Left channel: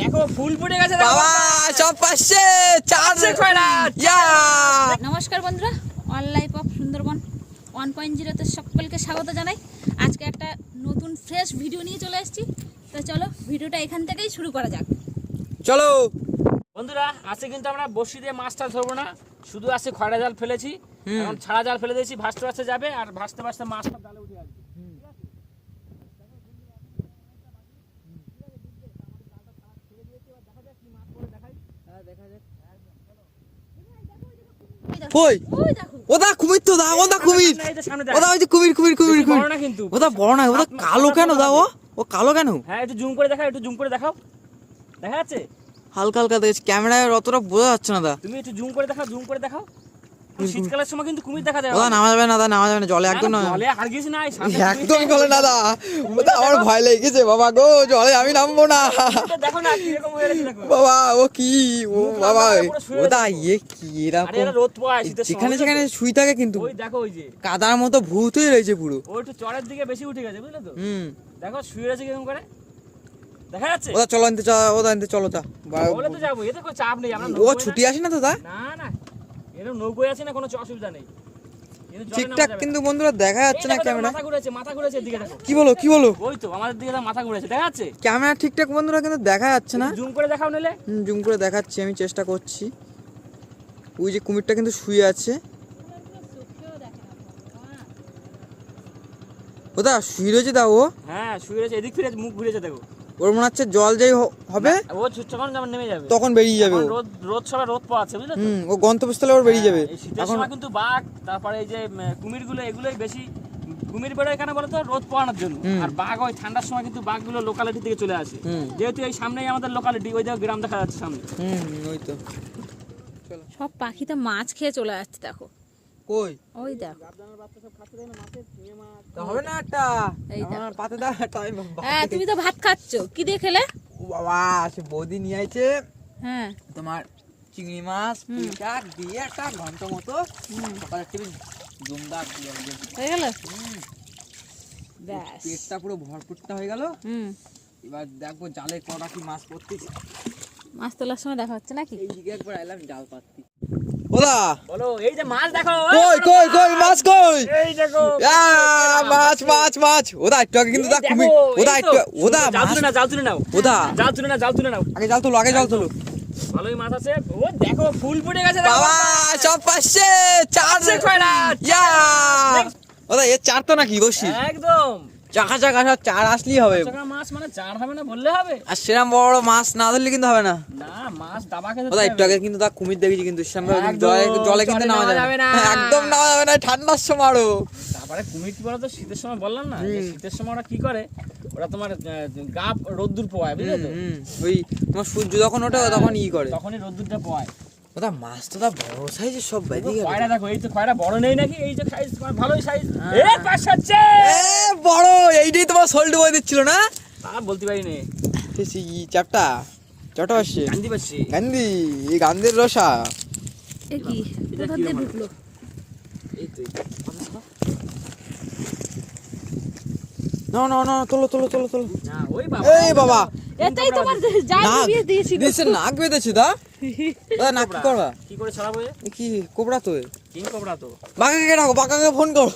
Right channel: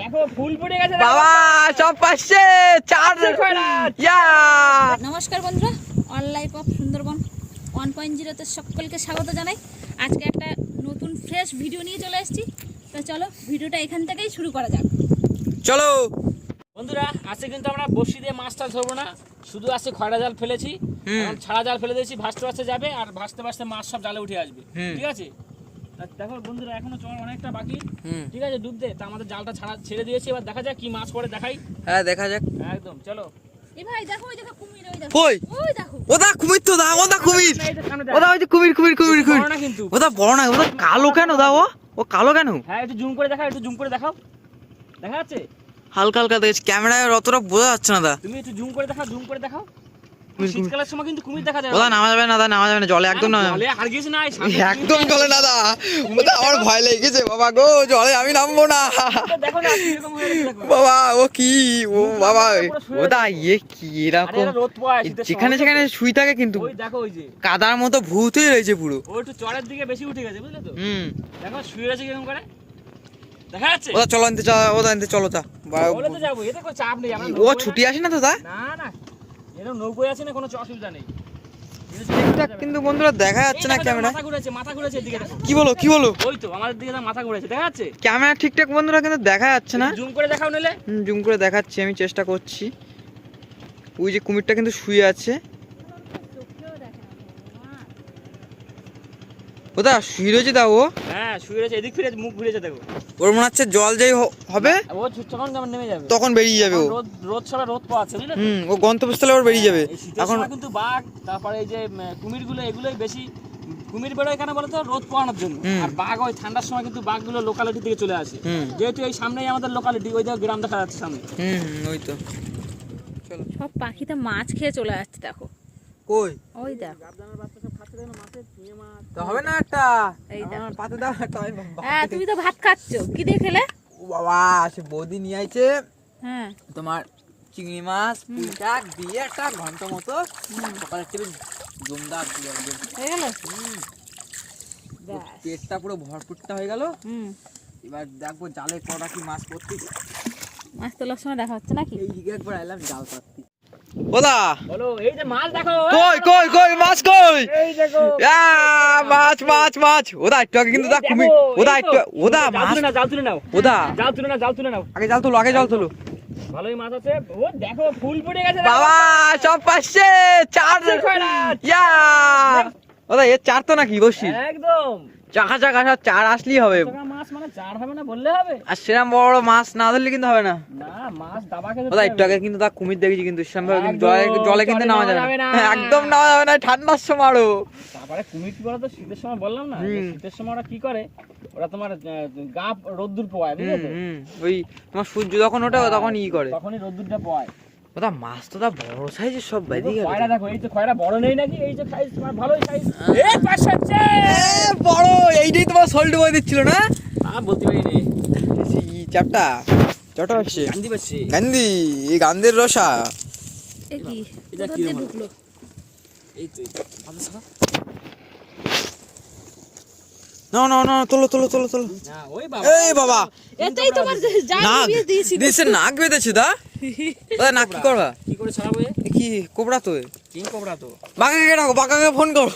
দেখো ফুল ফুটে গেছে বাবা সব পাচ্ছে। চার ইয়া। নমস্কার বন্ধুরা all life of Sundarban one point জিরোতে সকলকে স্বাগত জানাই। আজকে একটা নতুন ফ্রেশ ভিডিও নিয়ে চলে এসেছি। তো চলো ভিডিওটা এখান থেকেই শুরু করা যাক। চলো। বন্ধুরা আজকে কিন্তু আমরা বসি দিয়ে মাছটা ধরবো না। শুধু আজকে খয়রা জাল ফেলেছি। ছাড়া জাল ফেলে দিয়েছি ভাসতে ভাসতে যাবে আর ভাসতে ভাসতে মাছ সব জালে উঠে আসবে। ঠিক আছে? দেখো বন্ধুরা এখনও চল অনেকটা বাকি। হুম। ঠিক আছে ডুবতে তা আমাদের জালটা ছাড়া ছেড়ে দিয়েছি এবার দেখা যাক কি মাছ পড়ে দেখাই। হ্যাঁ দেখা যাক। একদম চলো। ভাই দেখো ওই দেখো কুমির ওই দেখো। কই? ওই দেখো। ওদা কুমির তো দা ওদা কুমির। ওই যে কুমির কুমির কুমির কুমির। কিন্তু। ওদা বড় না ওদা কালো কেন দা ও? ও কালো কেন? হ্যাঁ একটু জুম করে দেখাও একটু জুম করে দেখাও। দেখা যাচ্ছে? হালকা হালকা দেখছি। ক্যামেরায় অতটা বোঝা যাচ্ছে না দা। তুমি একটু জুম করে দেখাও জুম করে দেখাও। শীতকালের সময় কিন্তু কুমির দেখা যায় ওদা নামা যাবে না দা নামা যাবে না জলে একদম না একদম জলে না। দা আমার ভয় লেগেছে বাবা গো জলে আমি নামবো না। বাবা ও কি ও বাবা ওদা ইয়ে কি এরকম। সময়। যেখানে সেখানে শুই থাকে কিন্তু কাদার মতো ভূত হয়ে রয়েছে পুরো। ও একটু চড়ের দিকে বেশি উঠে গেছে বুঝলে তো? হুম। দেখো শুয়ে আছে কীরকম করে। ওদা চলো আনতে চা ওদা আনতে চলো তো ও ছুটি আসে না তো দা না না। আছে না কোনো অসুবিধা নেই। ঠিকঠাক কিন্তু বন্ধুরা দেখা যাচ্ছে না ক্যামেরা। মাথা ঘুরেছে এদিকে কি বলো কি বলো? ওই তো আমাদের দিকে মাথা ঘুরেছে দেখা যাচ্ছে? ক্যামেরা ঠিকঠাক বন্ধুরা কিন্তু দেখা যাচ্ছে না। জুম করে দেখাও নিলে জুম করে দেখাচ্ছি আমি চেষ্টা করছি। ওই যে কুমিরটা কিন্তু শুয়ে আছে। ওদা শুয়ে রয়েছে দা ও? হ্যাঁ শুয়ে রয়েছে এদিক ফিরে মুখ ঘুরেছে দেখো। ওর মনে হচ্ছে জল যেই হবে ও যখন যেমন নেমে যাবে। তখন বেরিয়ে যাবে ও। রোদ রোদ সবাই রোদ পাওয়া আছে বুঝলে হুম ও গন্তব্যস্থলে ওর বেরিয়ে যাবে। এখন কিন্তু বাঘ তারপরে এই যে কুমিরগুলো এগুলোই বেশি কুমির বেরোয় কেন বলতো রোদ পাওয়ানোর জন্য। আর বাঘ ওই ঠান্ডার সময় কিন্তু বাঘগুলো লোকালিটি থেকে চলে আসে। যেহেতু এই সামনেই আমাদের লোকালিটি ওই দেখো গ্রাম দেখা যাচ্ছে সামনে। হুম ওই তো। চলো সব পাখিতে মাছ খেয়ে চলে যাচ্ছে দেখো। কই? ওই দেখো। তো হবে না একটা। এই দেখো। আমার পাতে দাও হ্যাঁ তুমি তো ভাত খাচ্ছ। কি দিয়ে খেলে? ও বাবা সে বৌদি নিয়ে আইছে। হ্যাঁ। তোমার চিংড়ি মাছ পুঁই শাক দিয়ে একটা ঘণ্টা মতো সকালে টেবিল জমদার পুরো হয়ে গেল? পেটটা পুরো ভরপুরটা হয়ে গেল। হুম। এবার দেখব জালে কটা কি মাছ পড়তে মাছ তোলার সময় দেখা হচ্ছে নাকি? একবার এলাম জাল পাততে ওদা বলো এই যে মাছ দেখো কই কই কই মাছ কই? এই দেখো। মাছ মাছ মাছ। ওদা একটু আগে কিন্তু দা এই ওদা একটু ওদা জাল মাছ তুলে নাও জাল তুলে নাও। ওদা। জাল তুলে নাও জাল তুলে নাও। আগে জাল তোলো আগে জাল তোলো। ভালোই মাছ আছে। ও দেখো ফুল ফুটে গেছে। বাবা সব চার ইয়া! ওদা এ চার তো নাকি বসি। একদম। চাকা চাকা সব চার আসলেই হবে। মাছ মানে চার হবে না বললে হবে। আর সেরকম বড় বড় মাছ না ধরলে কিন্তু হবে না। না মাছ দাবা খেতে একটু আগে কিন্তু তা কুমির দেখেছি কিন্তু সেরকম কিন্তু জলে কিন্তু নামা যাবে না। না। একদম নামা যাবে না ঠান্ডার সময় আরও। তারপরে কুমির কি বলতো শীতের সময় বললাম না শীতের সময় ওরা কি করে ওরা তোমার গা রোদ্দুর পোয়ায় বুঝলে তো? ওই তোমার সূর্য যখন ওঠে তখন ই করে। তখনই রোদ্দুরটা পোয়ায় ওদা মাছ তো দা বড় সাইজের সব বেরিয়ে গেল। খয়রা দেখো এই তো খয়রা বড় নেই নাকি? এই যে সাইজ তোমার ভালোই সাইজ এ পাশ আছে বড়। এইটাই তোমার সোল্ড বয়ে দিচ্ছিল না? তা বলতে পারি নে। ই চাপটা। চটা আসছে কান্দি পাচ্ছি। গান্ধী এই গান্ধীর রসা। এ কি? এটা কি ঢুকলো এই তো। না না না তোলো তোলো তোলো তোলো। না ওই বাবা। এই বাবা এটাই তোমার নাক। দিয়ে দিয়েছি। দিছে নাক বেঁধেছে দা? ওদা নাক কি করবা? কি করে ছাড়াবো কি কোবরা তো? কিং কোবরা তো? বাঁকাকে ডাকো বাঁকাকে ফোন করো।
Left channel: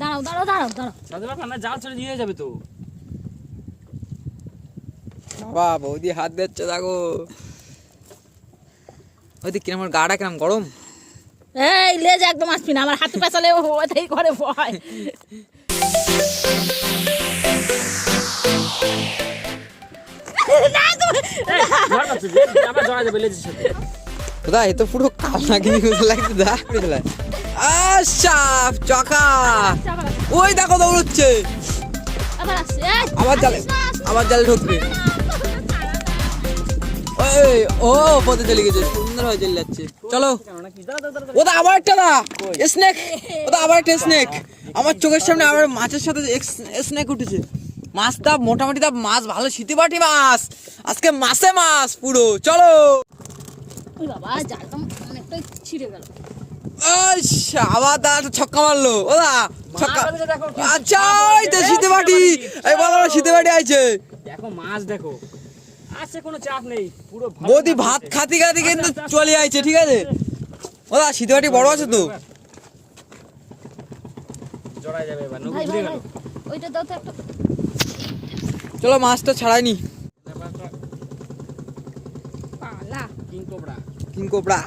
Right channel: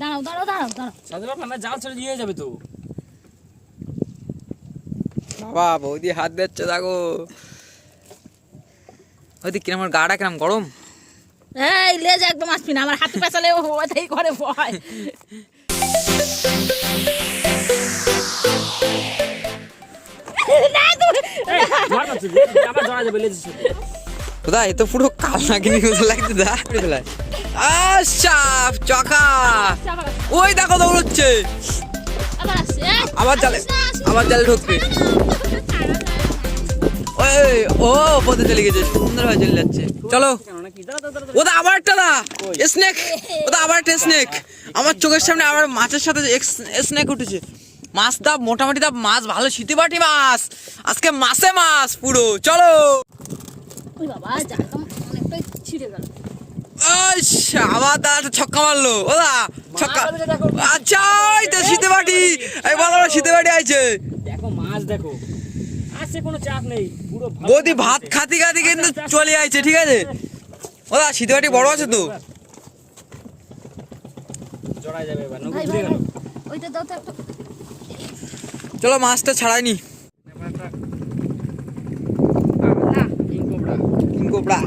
দাঁড়াও দাঁড়াও দাঁড়াও দাঁড়াও। সাথে না জাল ছেড়ে দিয়ে যাবে তো। বাবা বৌদি হাত দিচ্ছে দেখো। ওইদিক কিরম আমার গাটা কিরম গরম? এই লেজ একদম আসবি না আমার হাতে পেছালে ওটাই করে ভয় পুরো আবার আবার ঢুকবে। ওই ও, পথে গেছে, সুন্দর হয়ে যাচ্ছে। চলো। ওদা আবার একটা দা। স্নেক ওদা আবার একটা স্নেক আমার চোখের সামনে আবার মাছের সাথে স্নেক উঠেছে। মাছ দা মোটামুটি দা মাছ ভালো শীতে বাটি মাছ। আজকে মাছে মাছ পুরো চলো। ওই বাবা জালটা অনেকটাই ছিঁড়ে গেল। আবার দা ছক্কা মারলো। ওদা ছক্কা। আচ্ছা এই তো শীতে বাটি এই বলো শীতে বাটি আইছে। দেখো মাছ দেখো। কোনো চাপ নেই পুরো বৌদি ভাত খাতে খাতে কিন্তু চলে যাচ্ছে ঠিক আছে? ওদা শীতে বাটি বড় আছে তো? জড়াই যাবে এবার ঘুরে গেল। ওইটা দাও তো চলো মাছটা ছাড়াইনি তারপর একটা না। কিং কোবরা কিং কোবরা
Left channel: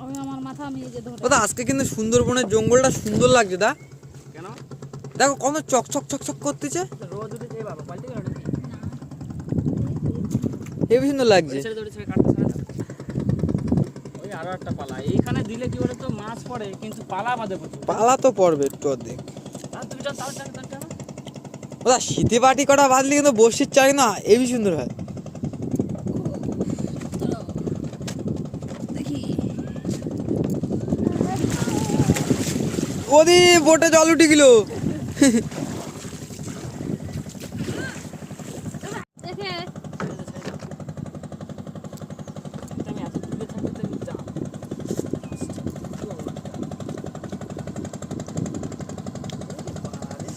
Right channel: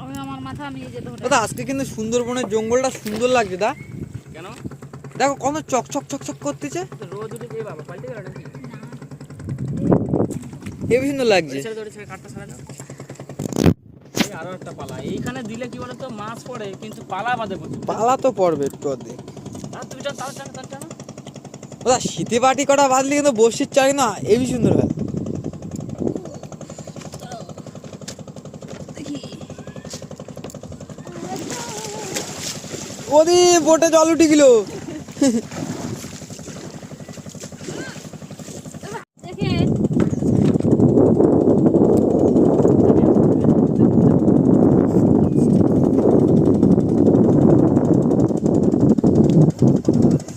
আমি আমার মাথা আমি এই দাদা আজকে কিন্তু সুন্দরবনের জঙ্গলটা সুন্দর লাগছে দা। কেন? দেখো কত চকচক চকচক করতেছে। হেবি সুন্দর লাগছে ছেড়ে দৌড়ে ছেড়ে কাটতে ছাড়া দাও। এই আরও একটা পালা। এইখানে দিলে কি বলতো মাছ পড়ে কিন্তু পালা বাঁধে প্রচুর। পালা তো পড়বে একটু অর্ধেক। টান শীতে বাটি কটা বাঁধলে কিন্তু বসির চাই না হেবি সুন্দর হয়। ওদি বোটে জল উঠে গেল দেখে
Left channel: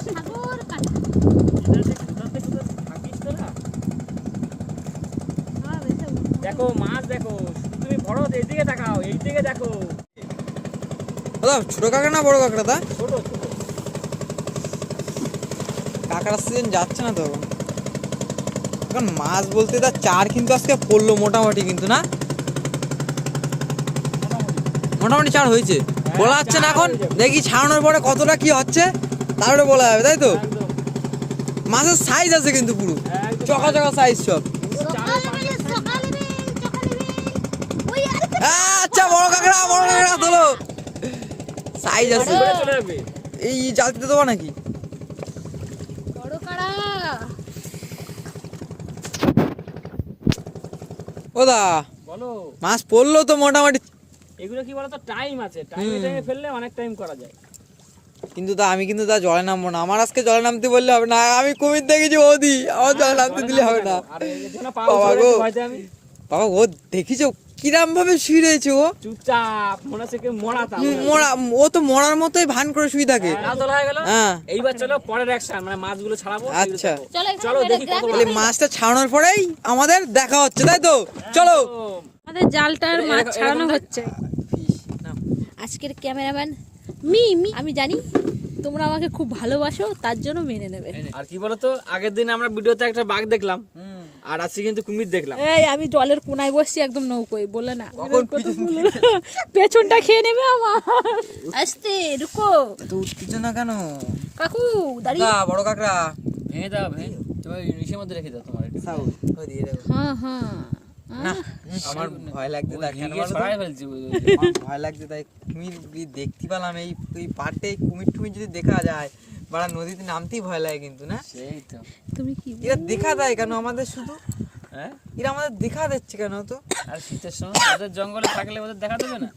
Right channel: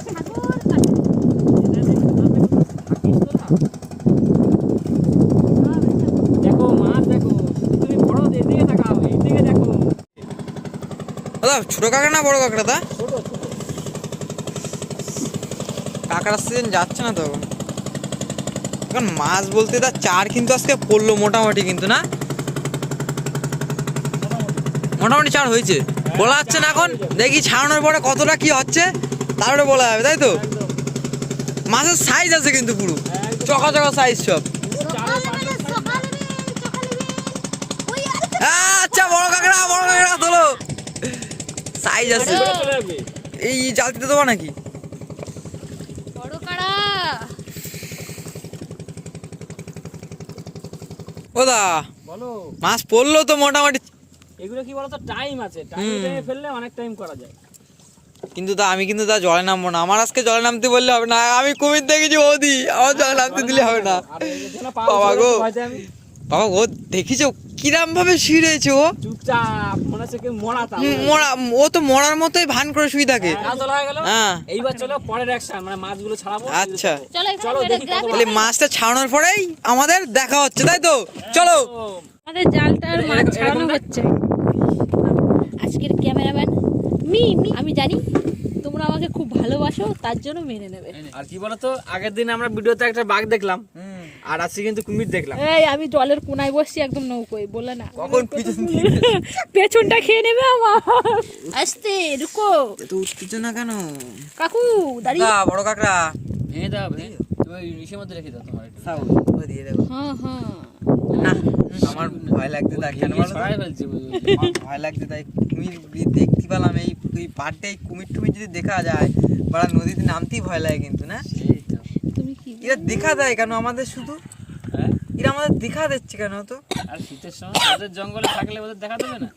ঠাকুর কাটে। হ্যাঁ, বেশ। দেখো মাছ দেখো তুমি বড় এইদিকে দেখাও এইদিকে দেখো দাদা ছোট কাঁকড়া না বড় কাঁকড়া দা কাঁকড়ার সিজন যাচ্ছে না তো এখন। মাছ বলতে তার চার কিন্তু আজকে পড়ল মোটামুটি কিন্তু না? মোটামুটি। চার হয়েছে। বলা যাচ্ছে না এখন দেখি ছাড়ানোর পরে কতটা কি হচ্ছে তারপরে বলা যাবে তাই তো? মাছের সাইজ আছে কিন্তু পুরো। চকা চকা সাইজ সব। আচ্ছা বড় কাঁকড়া বড় কাঁকড়া তোলো। সাইজ আছে। এই জালতিতে দেবো নাকি? বলো। মাছ পড়ল তো মোটামুটি। এগুলো কি বলতো টাইম আছে। টাইম। টাইমে ফেললে অনেক টাইম করা যায়। কিন্তু তা আমি কিন্তু তা জলে নামবো না। আমার আজকে জলে নামতে বললে হবে না। আমি কুমির দেখেছি ওদি আমার জলে নামতে দিলে হবে না। বাবা গো। বাবা ও দেখিছো? কিরাম ভাবে শুয়ে ও? চুপচাপ মনে হচ্ছে কি মরা মরা ও তো মরার মতোই ভান করে শুয়ে থাকে। হয়ে গেল। হ্যাঁ। এইবার চলো পরের অ্যাকশন মানে মাছগুলো ছাড়াবো। আচ্ছা। চলো দেখি কত তাহলে মাছটা ছাড়ানোর পরেই আমাদের দেখা হচ্ছে তাই তো? চলো। আমাদের জালটার মাছ ছাড়ানো হচ্ছে। আজকের ক্যামেরাম্যান মি মি আমি জানি তোমরা আমাকে খুব ভালোবাসো তার জন্য মেনে নেবে। আর কি বলতো আগের দিন আমরা ভিডিওতে একটা বাঘ দেখলাম। আর আজকে কিন্তু কুমির দেখলাম। এই আমি জলের কোনায় বসছি একদম নৌকোয় বলে না। কখন পেছনটা খেয়ে নেবে আমার। আস্তে রুকো। তো উত্তেজনা কেন? কাকু দাঁড়িয়ে। দা বড় কাকড়া। ভেঙে দাও ভেঙে তুমি ইসের মধ্যে রেখে দাও তোমার দিয়ে হ্যাঁ হ্যাঁ। না আমার ভয় লাগছে তাই কেন বলো ভয় লাগছে তাই কুমির দেখতে পেলাম। এই পাড়টা এই কুমির টুমির যদি দেখা যায় বা নদীতে নামতেই ভয় লাগে কিন্তু না? তুমি কি এরা দেখা দেয় কেন আমাদের শুধু হ্যাঁ এরা আমাদের দেখা দিচ্ছে কেন তো আর শীতের সময় ওদের জঙ্গলে থাকলে ওদের দেখা দেবে না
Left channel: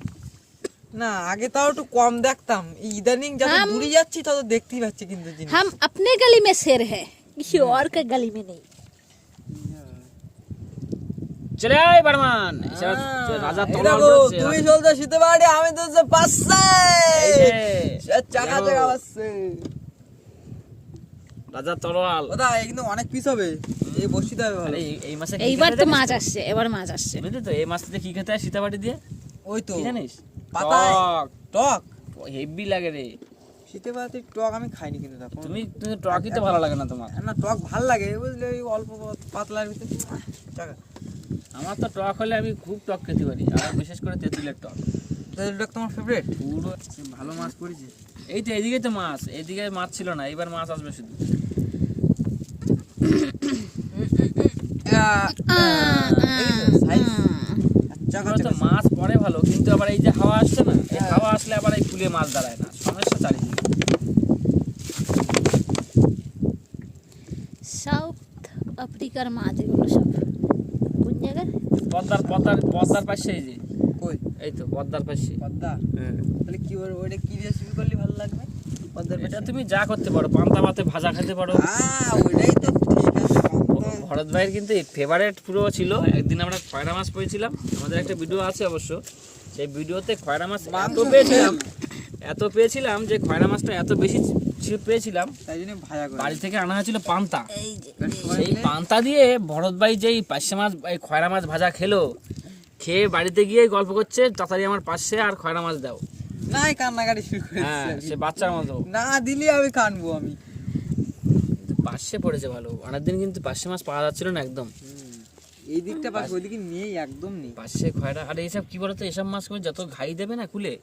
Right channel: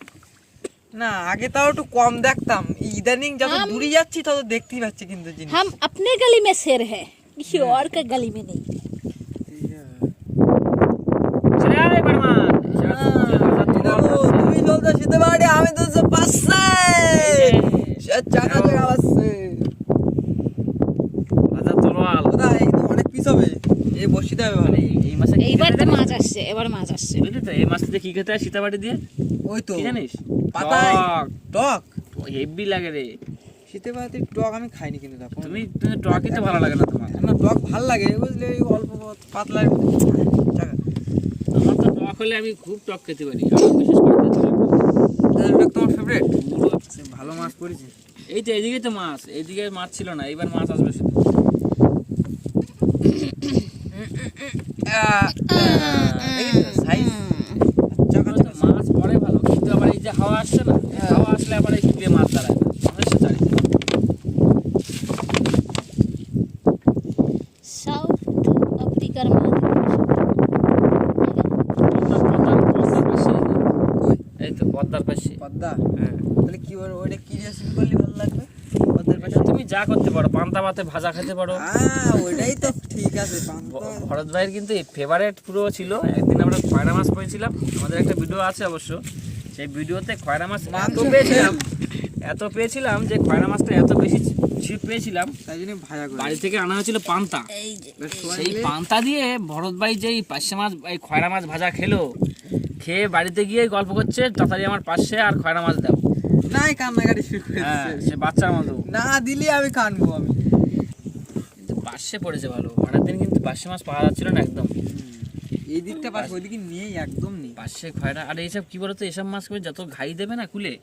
না আগে তাও একটু কম দেখতাম এই ইদানিং যত हम- দূরে যাচ্ছি তত দেখতেই পাচ্ছি কিন্তু জিনিস हम अपने गली में शेर है किसी और के गली में नहीं চলে আয় বারমান রাজা তলোয়ার ধরছে। তুমি চলতে শীতে বাড়ি আমি তো পাশে চাকা চাকা আসছে রাজা তলোয়াল ওদা এই কিন্তু অনেক পিস হবে? এই বসিতে হবে ভালো। এই এই মাসে এইবার তো মাছ আসছে এবার মাছ আসছে। বুঝলি তো এই মাছটাতে কি খেতে হয়? সীতাবাটি দিয়ে? ওই তো। জানিস? পাতায়। টক। টক? হেভি লাগে রে। শীতে বাড়িতে টক আমি খাইনি কিন্তু দেখো। তুমি তুমি টকই তো ভালো লাগে না তোমার। না টক ভালো লাগে বুঝলে এই অল্প পাতলা আমার তো টক হলে আমি খুব টক খেতে পারি বিশেষ করে তেঁতুলের টক। তোমার ফেভারিট পুরো ভালো মাছ পড়েছে। এই তো এদিকে তো মাছ এদিকে মাছ ছিল না এবার মাছ আসবে শুধু। মাছ পড়ে ভালো কিন্তু আবার এই যে হাওয়া আসছে না এই হাওয়া আসলে আবার এই কুলে মাছ দাঁড়ায় না। সমস্যা চারিদিকে সাউথ আফ্রিকার মাছ। পদ্মার পদ্মার পদ্মার পাশে এই যে। কই? এই তো পদ্মার পাশে। পদ্মা? হ্যাঁ। তাহলে কি ওর- ওইটা কি রেসিপি করলে ভালো লাগবে? পদ্মার তুমি যা করতে পারো পান্তা ভাতে ভাজা খেতে পারো। হ্যাঁ ওইটাই তো ভরত ভাইয়ের কিন্তু ফেভারেট পুরো ছিল। একদিন আমরা খয়রা মাছ পেয়েছিলাম আমাদের একটা ভিডিও আছে অবশ্য। সেই ভিডিওতে খয়রা মাছ এত পেয়েছিলাম এত। পেয়েছিলাম যে খয়রা মাছটা এত বেশি ছিপ পেয়েছিলাম। তাই জন্য ভাজা বাড়ি থেকে আনা হয়েছিল পান্তা। এই সেই পান্তা দিয়ে ভরত ভাই যেই পার্শে মাছ এই খয়রা মাছ ভাজা খেলো খেয়ে বাড়িতে গিয়ে গল্প করছে তাড়াতাড়ি আমার পাশে আর খয়রা মাছ দাও। নাই কান্নাকাটি শুরু করে হ্যাঁ। সে বাচ্চার মতো। না দিলে আমি কানবো আমি। পাশে পড়েছে ভালো অনেক দিন কিন্তু পার্শে মাছ পাওয়া যাচ্ছিল না একদম। এই দিকটা পাশ ওইদিকে নেই একদম নেই। পাশে খয়রা। আর এইসব কি বলতো এসব মাছ করে যত ঘাই দেবে না কুলে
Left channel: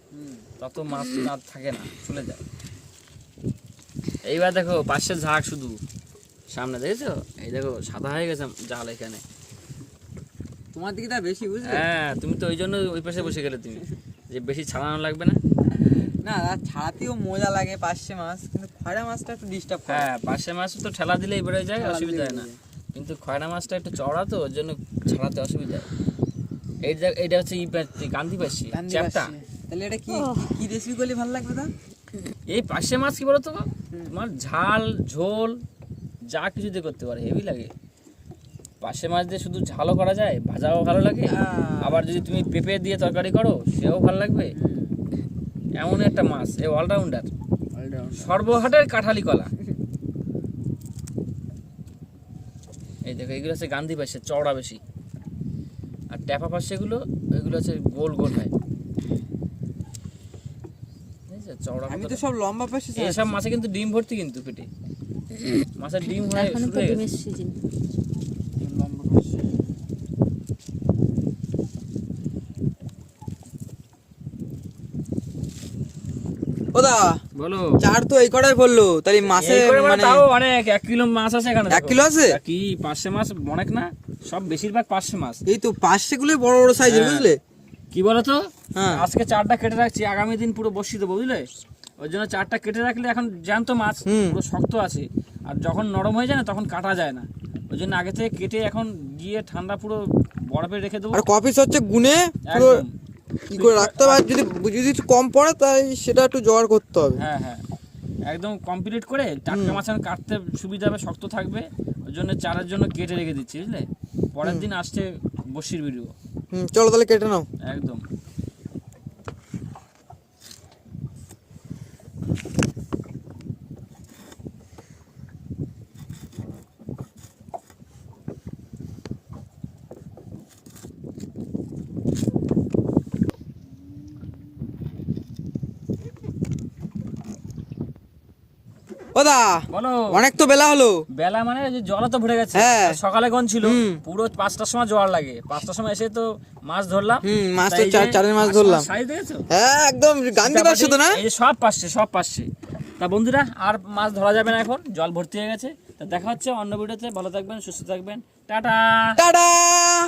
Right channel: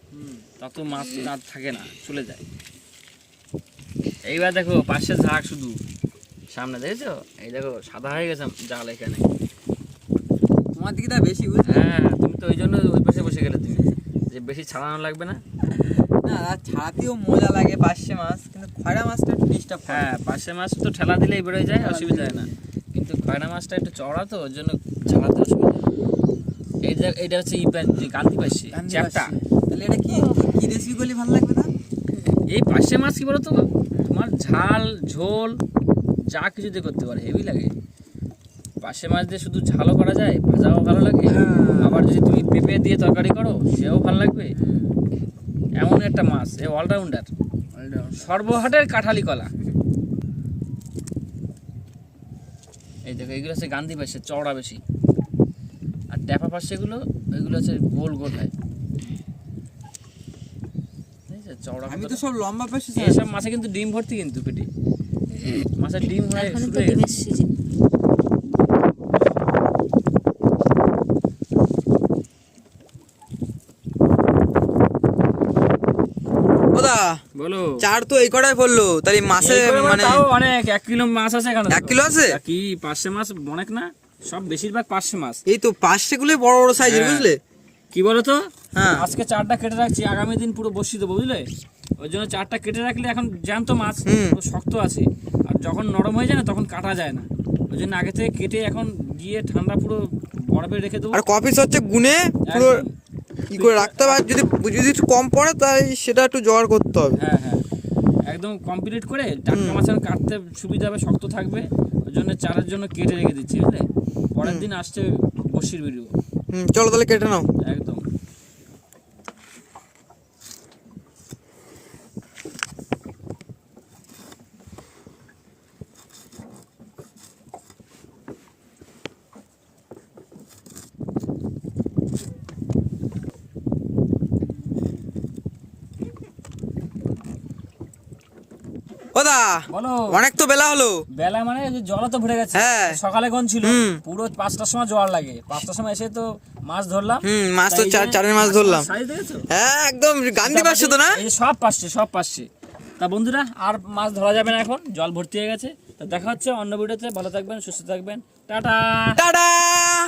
তত মাছ আর থাকে না চলে যায়। এইবার দেখো পাশে ঝাঁক শুধু। সামনে দেখেছ? এই দেখো সাদা হয়ে গেছে জাল এখানে। তোমার দিকে বেশি বুঝলে? হ্যাঁ তুমি তো ওই জন্য ওই পাশে বসে গেলে তুমি। যে বেশি ছাড়ানো লাগবে না। না না ছাড়াতেও মজা লাগে পার্শে মাছ কিন্তু খয়রা মাছটা ডিস্টার্ব হ্যাঁ পাশে মাছ তো ঠেলা দিলেই বেরোয় যায় অসুবিধা হয় না। কিন্তু খয়রা মাছটা একটু চওড়া তো ওর জন্য ছাড়াতে অসুবিধা হয়। এই যে এইটা হচ্ছে ই পাশ চ্যাপটা। তাহলে এটা কি কি রেসিপি করলে ভালো লাগবে না? এই পাশে মাছ কি বলতো? তোমার ঝাল ঝোল যা কিছু দিয়ে করতে পারে হেভি লাগে। পাশে মাছ দিয়ে শুধু ঝালও করা যায় ভাজাও ভালো লাগে। হ্যাঁ। আবার যদি তুমি পেঁপে দিয়ে তরকারি করো সেও ভালো লাগবে। এমন একটা মাছ এ অলরাউন্ডার সর্বহাটের কাঁঠালি কলা। এই দেখো এগুলো হচ্ছে গান্ধী পাশে চওড়া বেশি। আর ট্যাপা পাশে এগুলো এগুলো হচ্ছে গোল গোল হয়। চওড়া আমি তো সব লম্বা পাশে এসব মাছে কিন্তু ডিম ভর্তি কিন্তু পেটে। মাছের ডিম হয় এখন তো। ডিমের সিজন ওদা বলো। চার তো এই কটাই পড়ল তাহলে মাসে মানে অনেক এক কিলো মাছ আছে এখানে এক কিলো আছে? কি পাঁচশো মাছ অনেক না? সব বেশিরভাগ পাঁচশো মাছ। এই তো পাঁচশে গুলো বড় বড় সাইজের হ্যাঁ। বুঝলে? কি বলো তো হ্যাঁ। আজকে চারটা কেটে রাখছি আগামী দিন পুরো বসি দেবো বুঝলে? ওই জন্য চারটা কেটে রাখলে এখন জ্যান্ত মাছ। পুরো শক্ত আছে। আর যখন নরম হয়ে যায় না তখন কাটা যায় না। ওই জন্য আগে থেকে কেটে এখন গিয়ে ঠান্ডা পুরো বরফে রেখে দেবো। আর কপিস হচ্ছে? গুনে পুরো ই করে রাখতে হবে আর যদি যদি একটু কম পড়ে তাই সেটা একটু জোগাড় করতে হবে। হ্যাঁ হ্যাঁ। একদম কমপ্লিট করে টাটকা মাছ কাটতে সুবিধা হবে শক্ত থাকবে। ওই জন্য চারার জন্য কেটে রেখে দিচ্ছি বুঝলে? পরের দিন আসছে বসির ভিডিও হুম চলো তাহলে কেটে নাও। একদম। ওদা বলো। অনেক তো বেলা হলো। বেলা মানে জল তো ভরে গেছে। হ্যাঁ। সকালে ছিল? পুরো পাঁচটার সময় জল লাগে। পাঁচটার সময় এসে তো মাছ ধরলাম। হুম, মাছ তো চার- চারের মাছ ধরলাম। হ্যাঁ একদম গান্ধী পাশে তো না? সব পাচ্ছে সব তা বন্ধুরা আর মাছ ধরা যাবে না এখন। জল ভর্তি হয়ে গেছে। তা দেখা হচ্ছে অন্য ভিডিওতে। ভালো থাকবেন সুস্থ থাকবেন। টাটা! টাটা!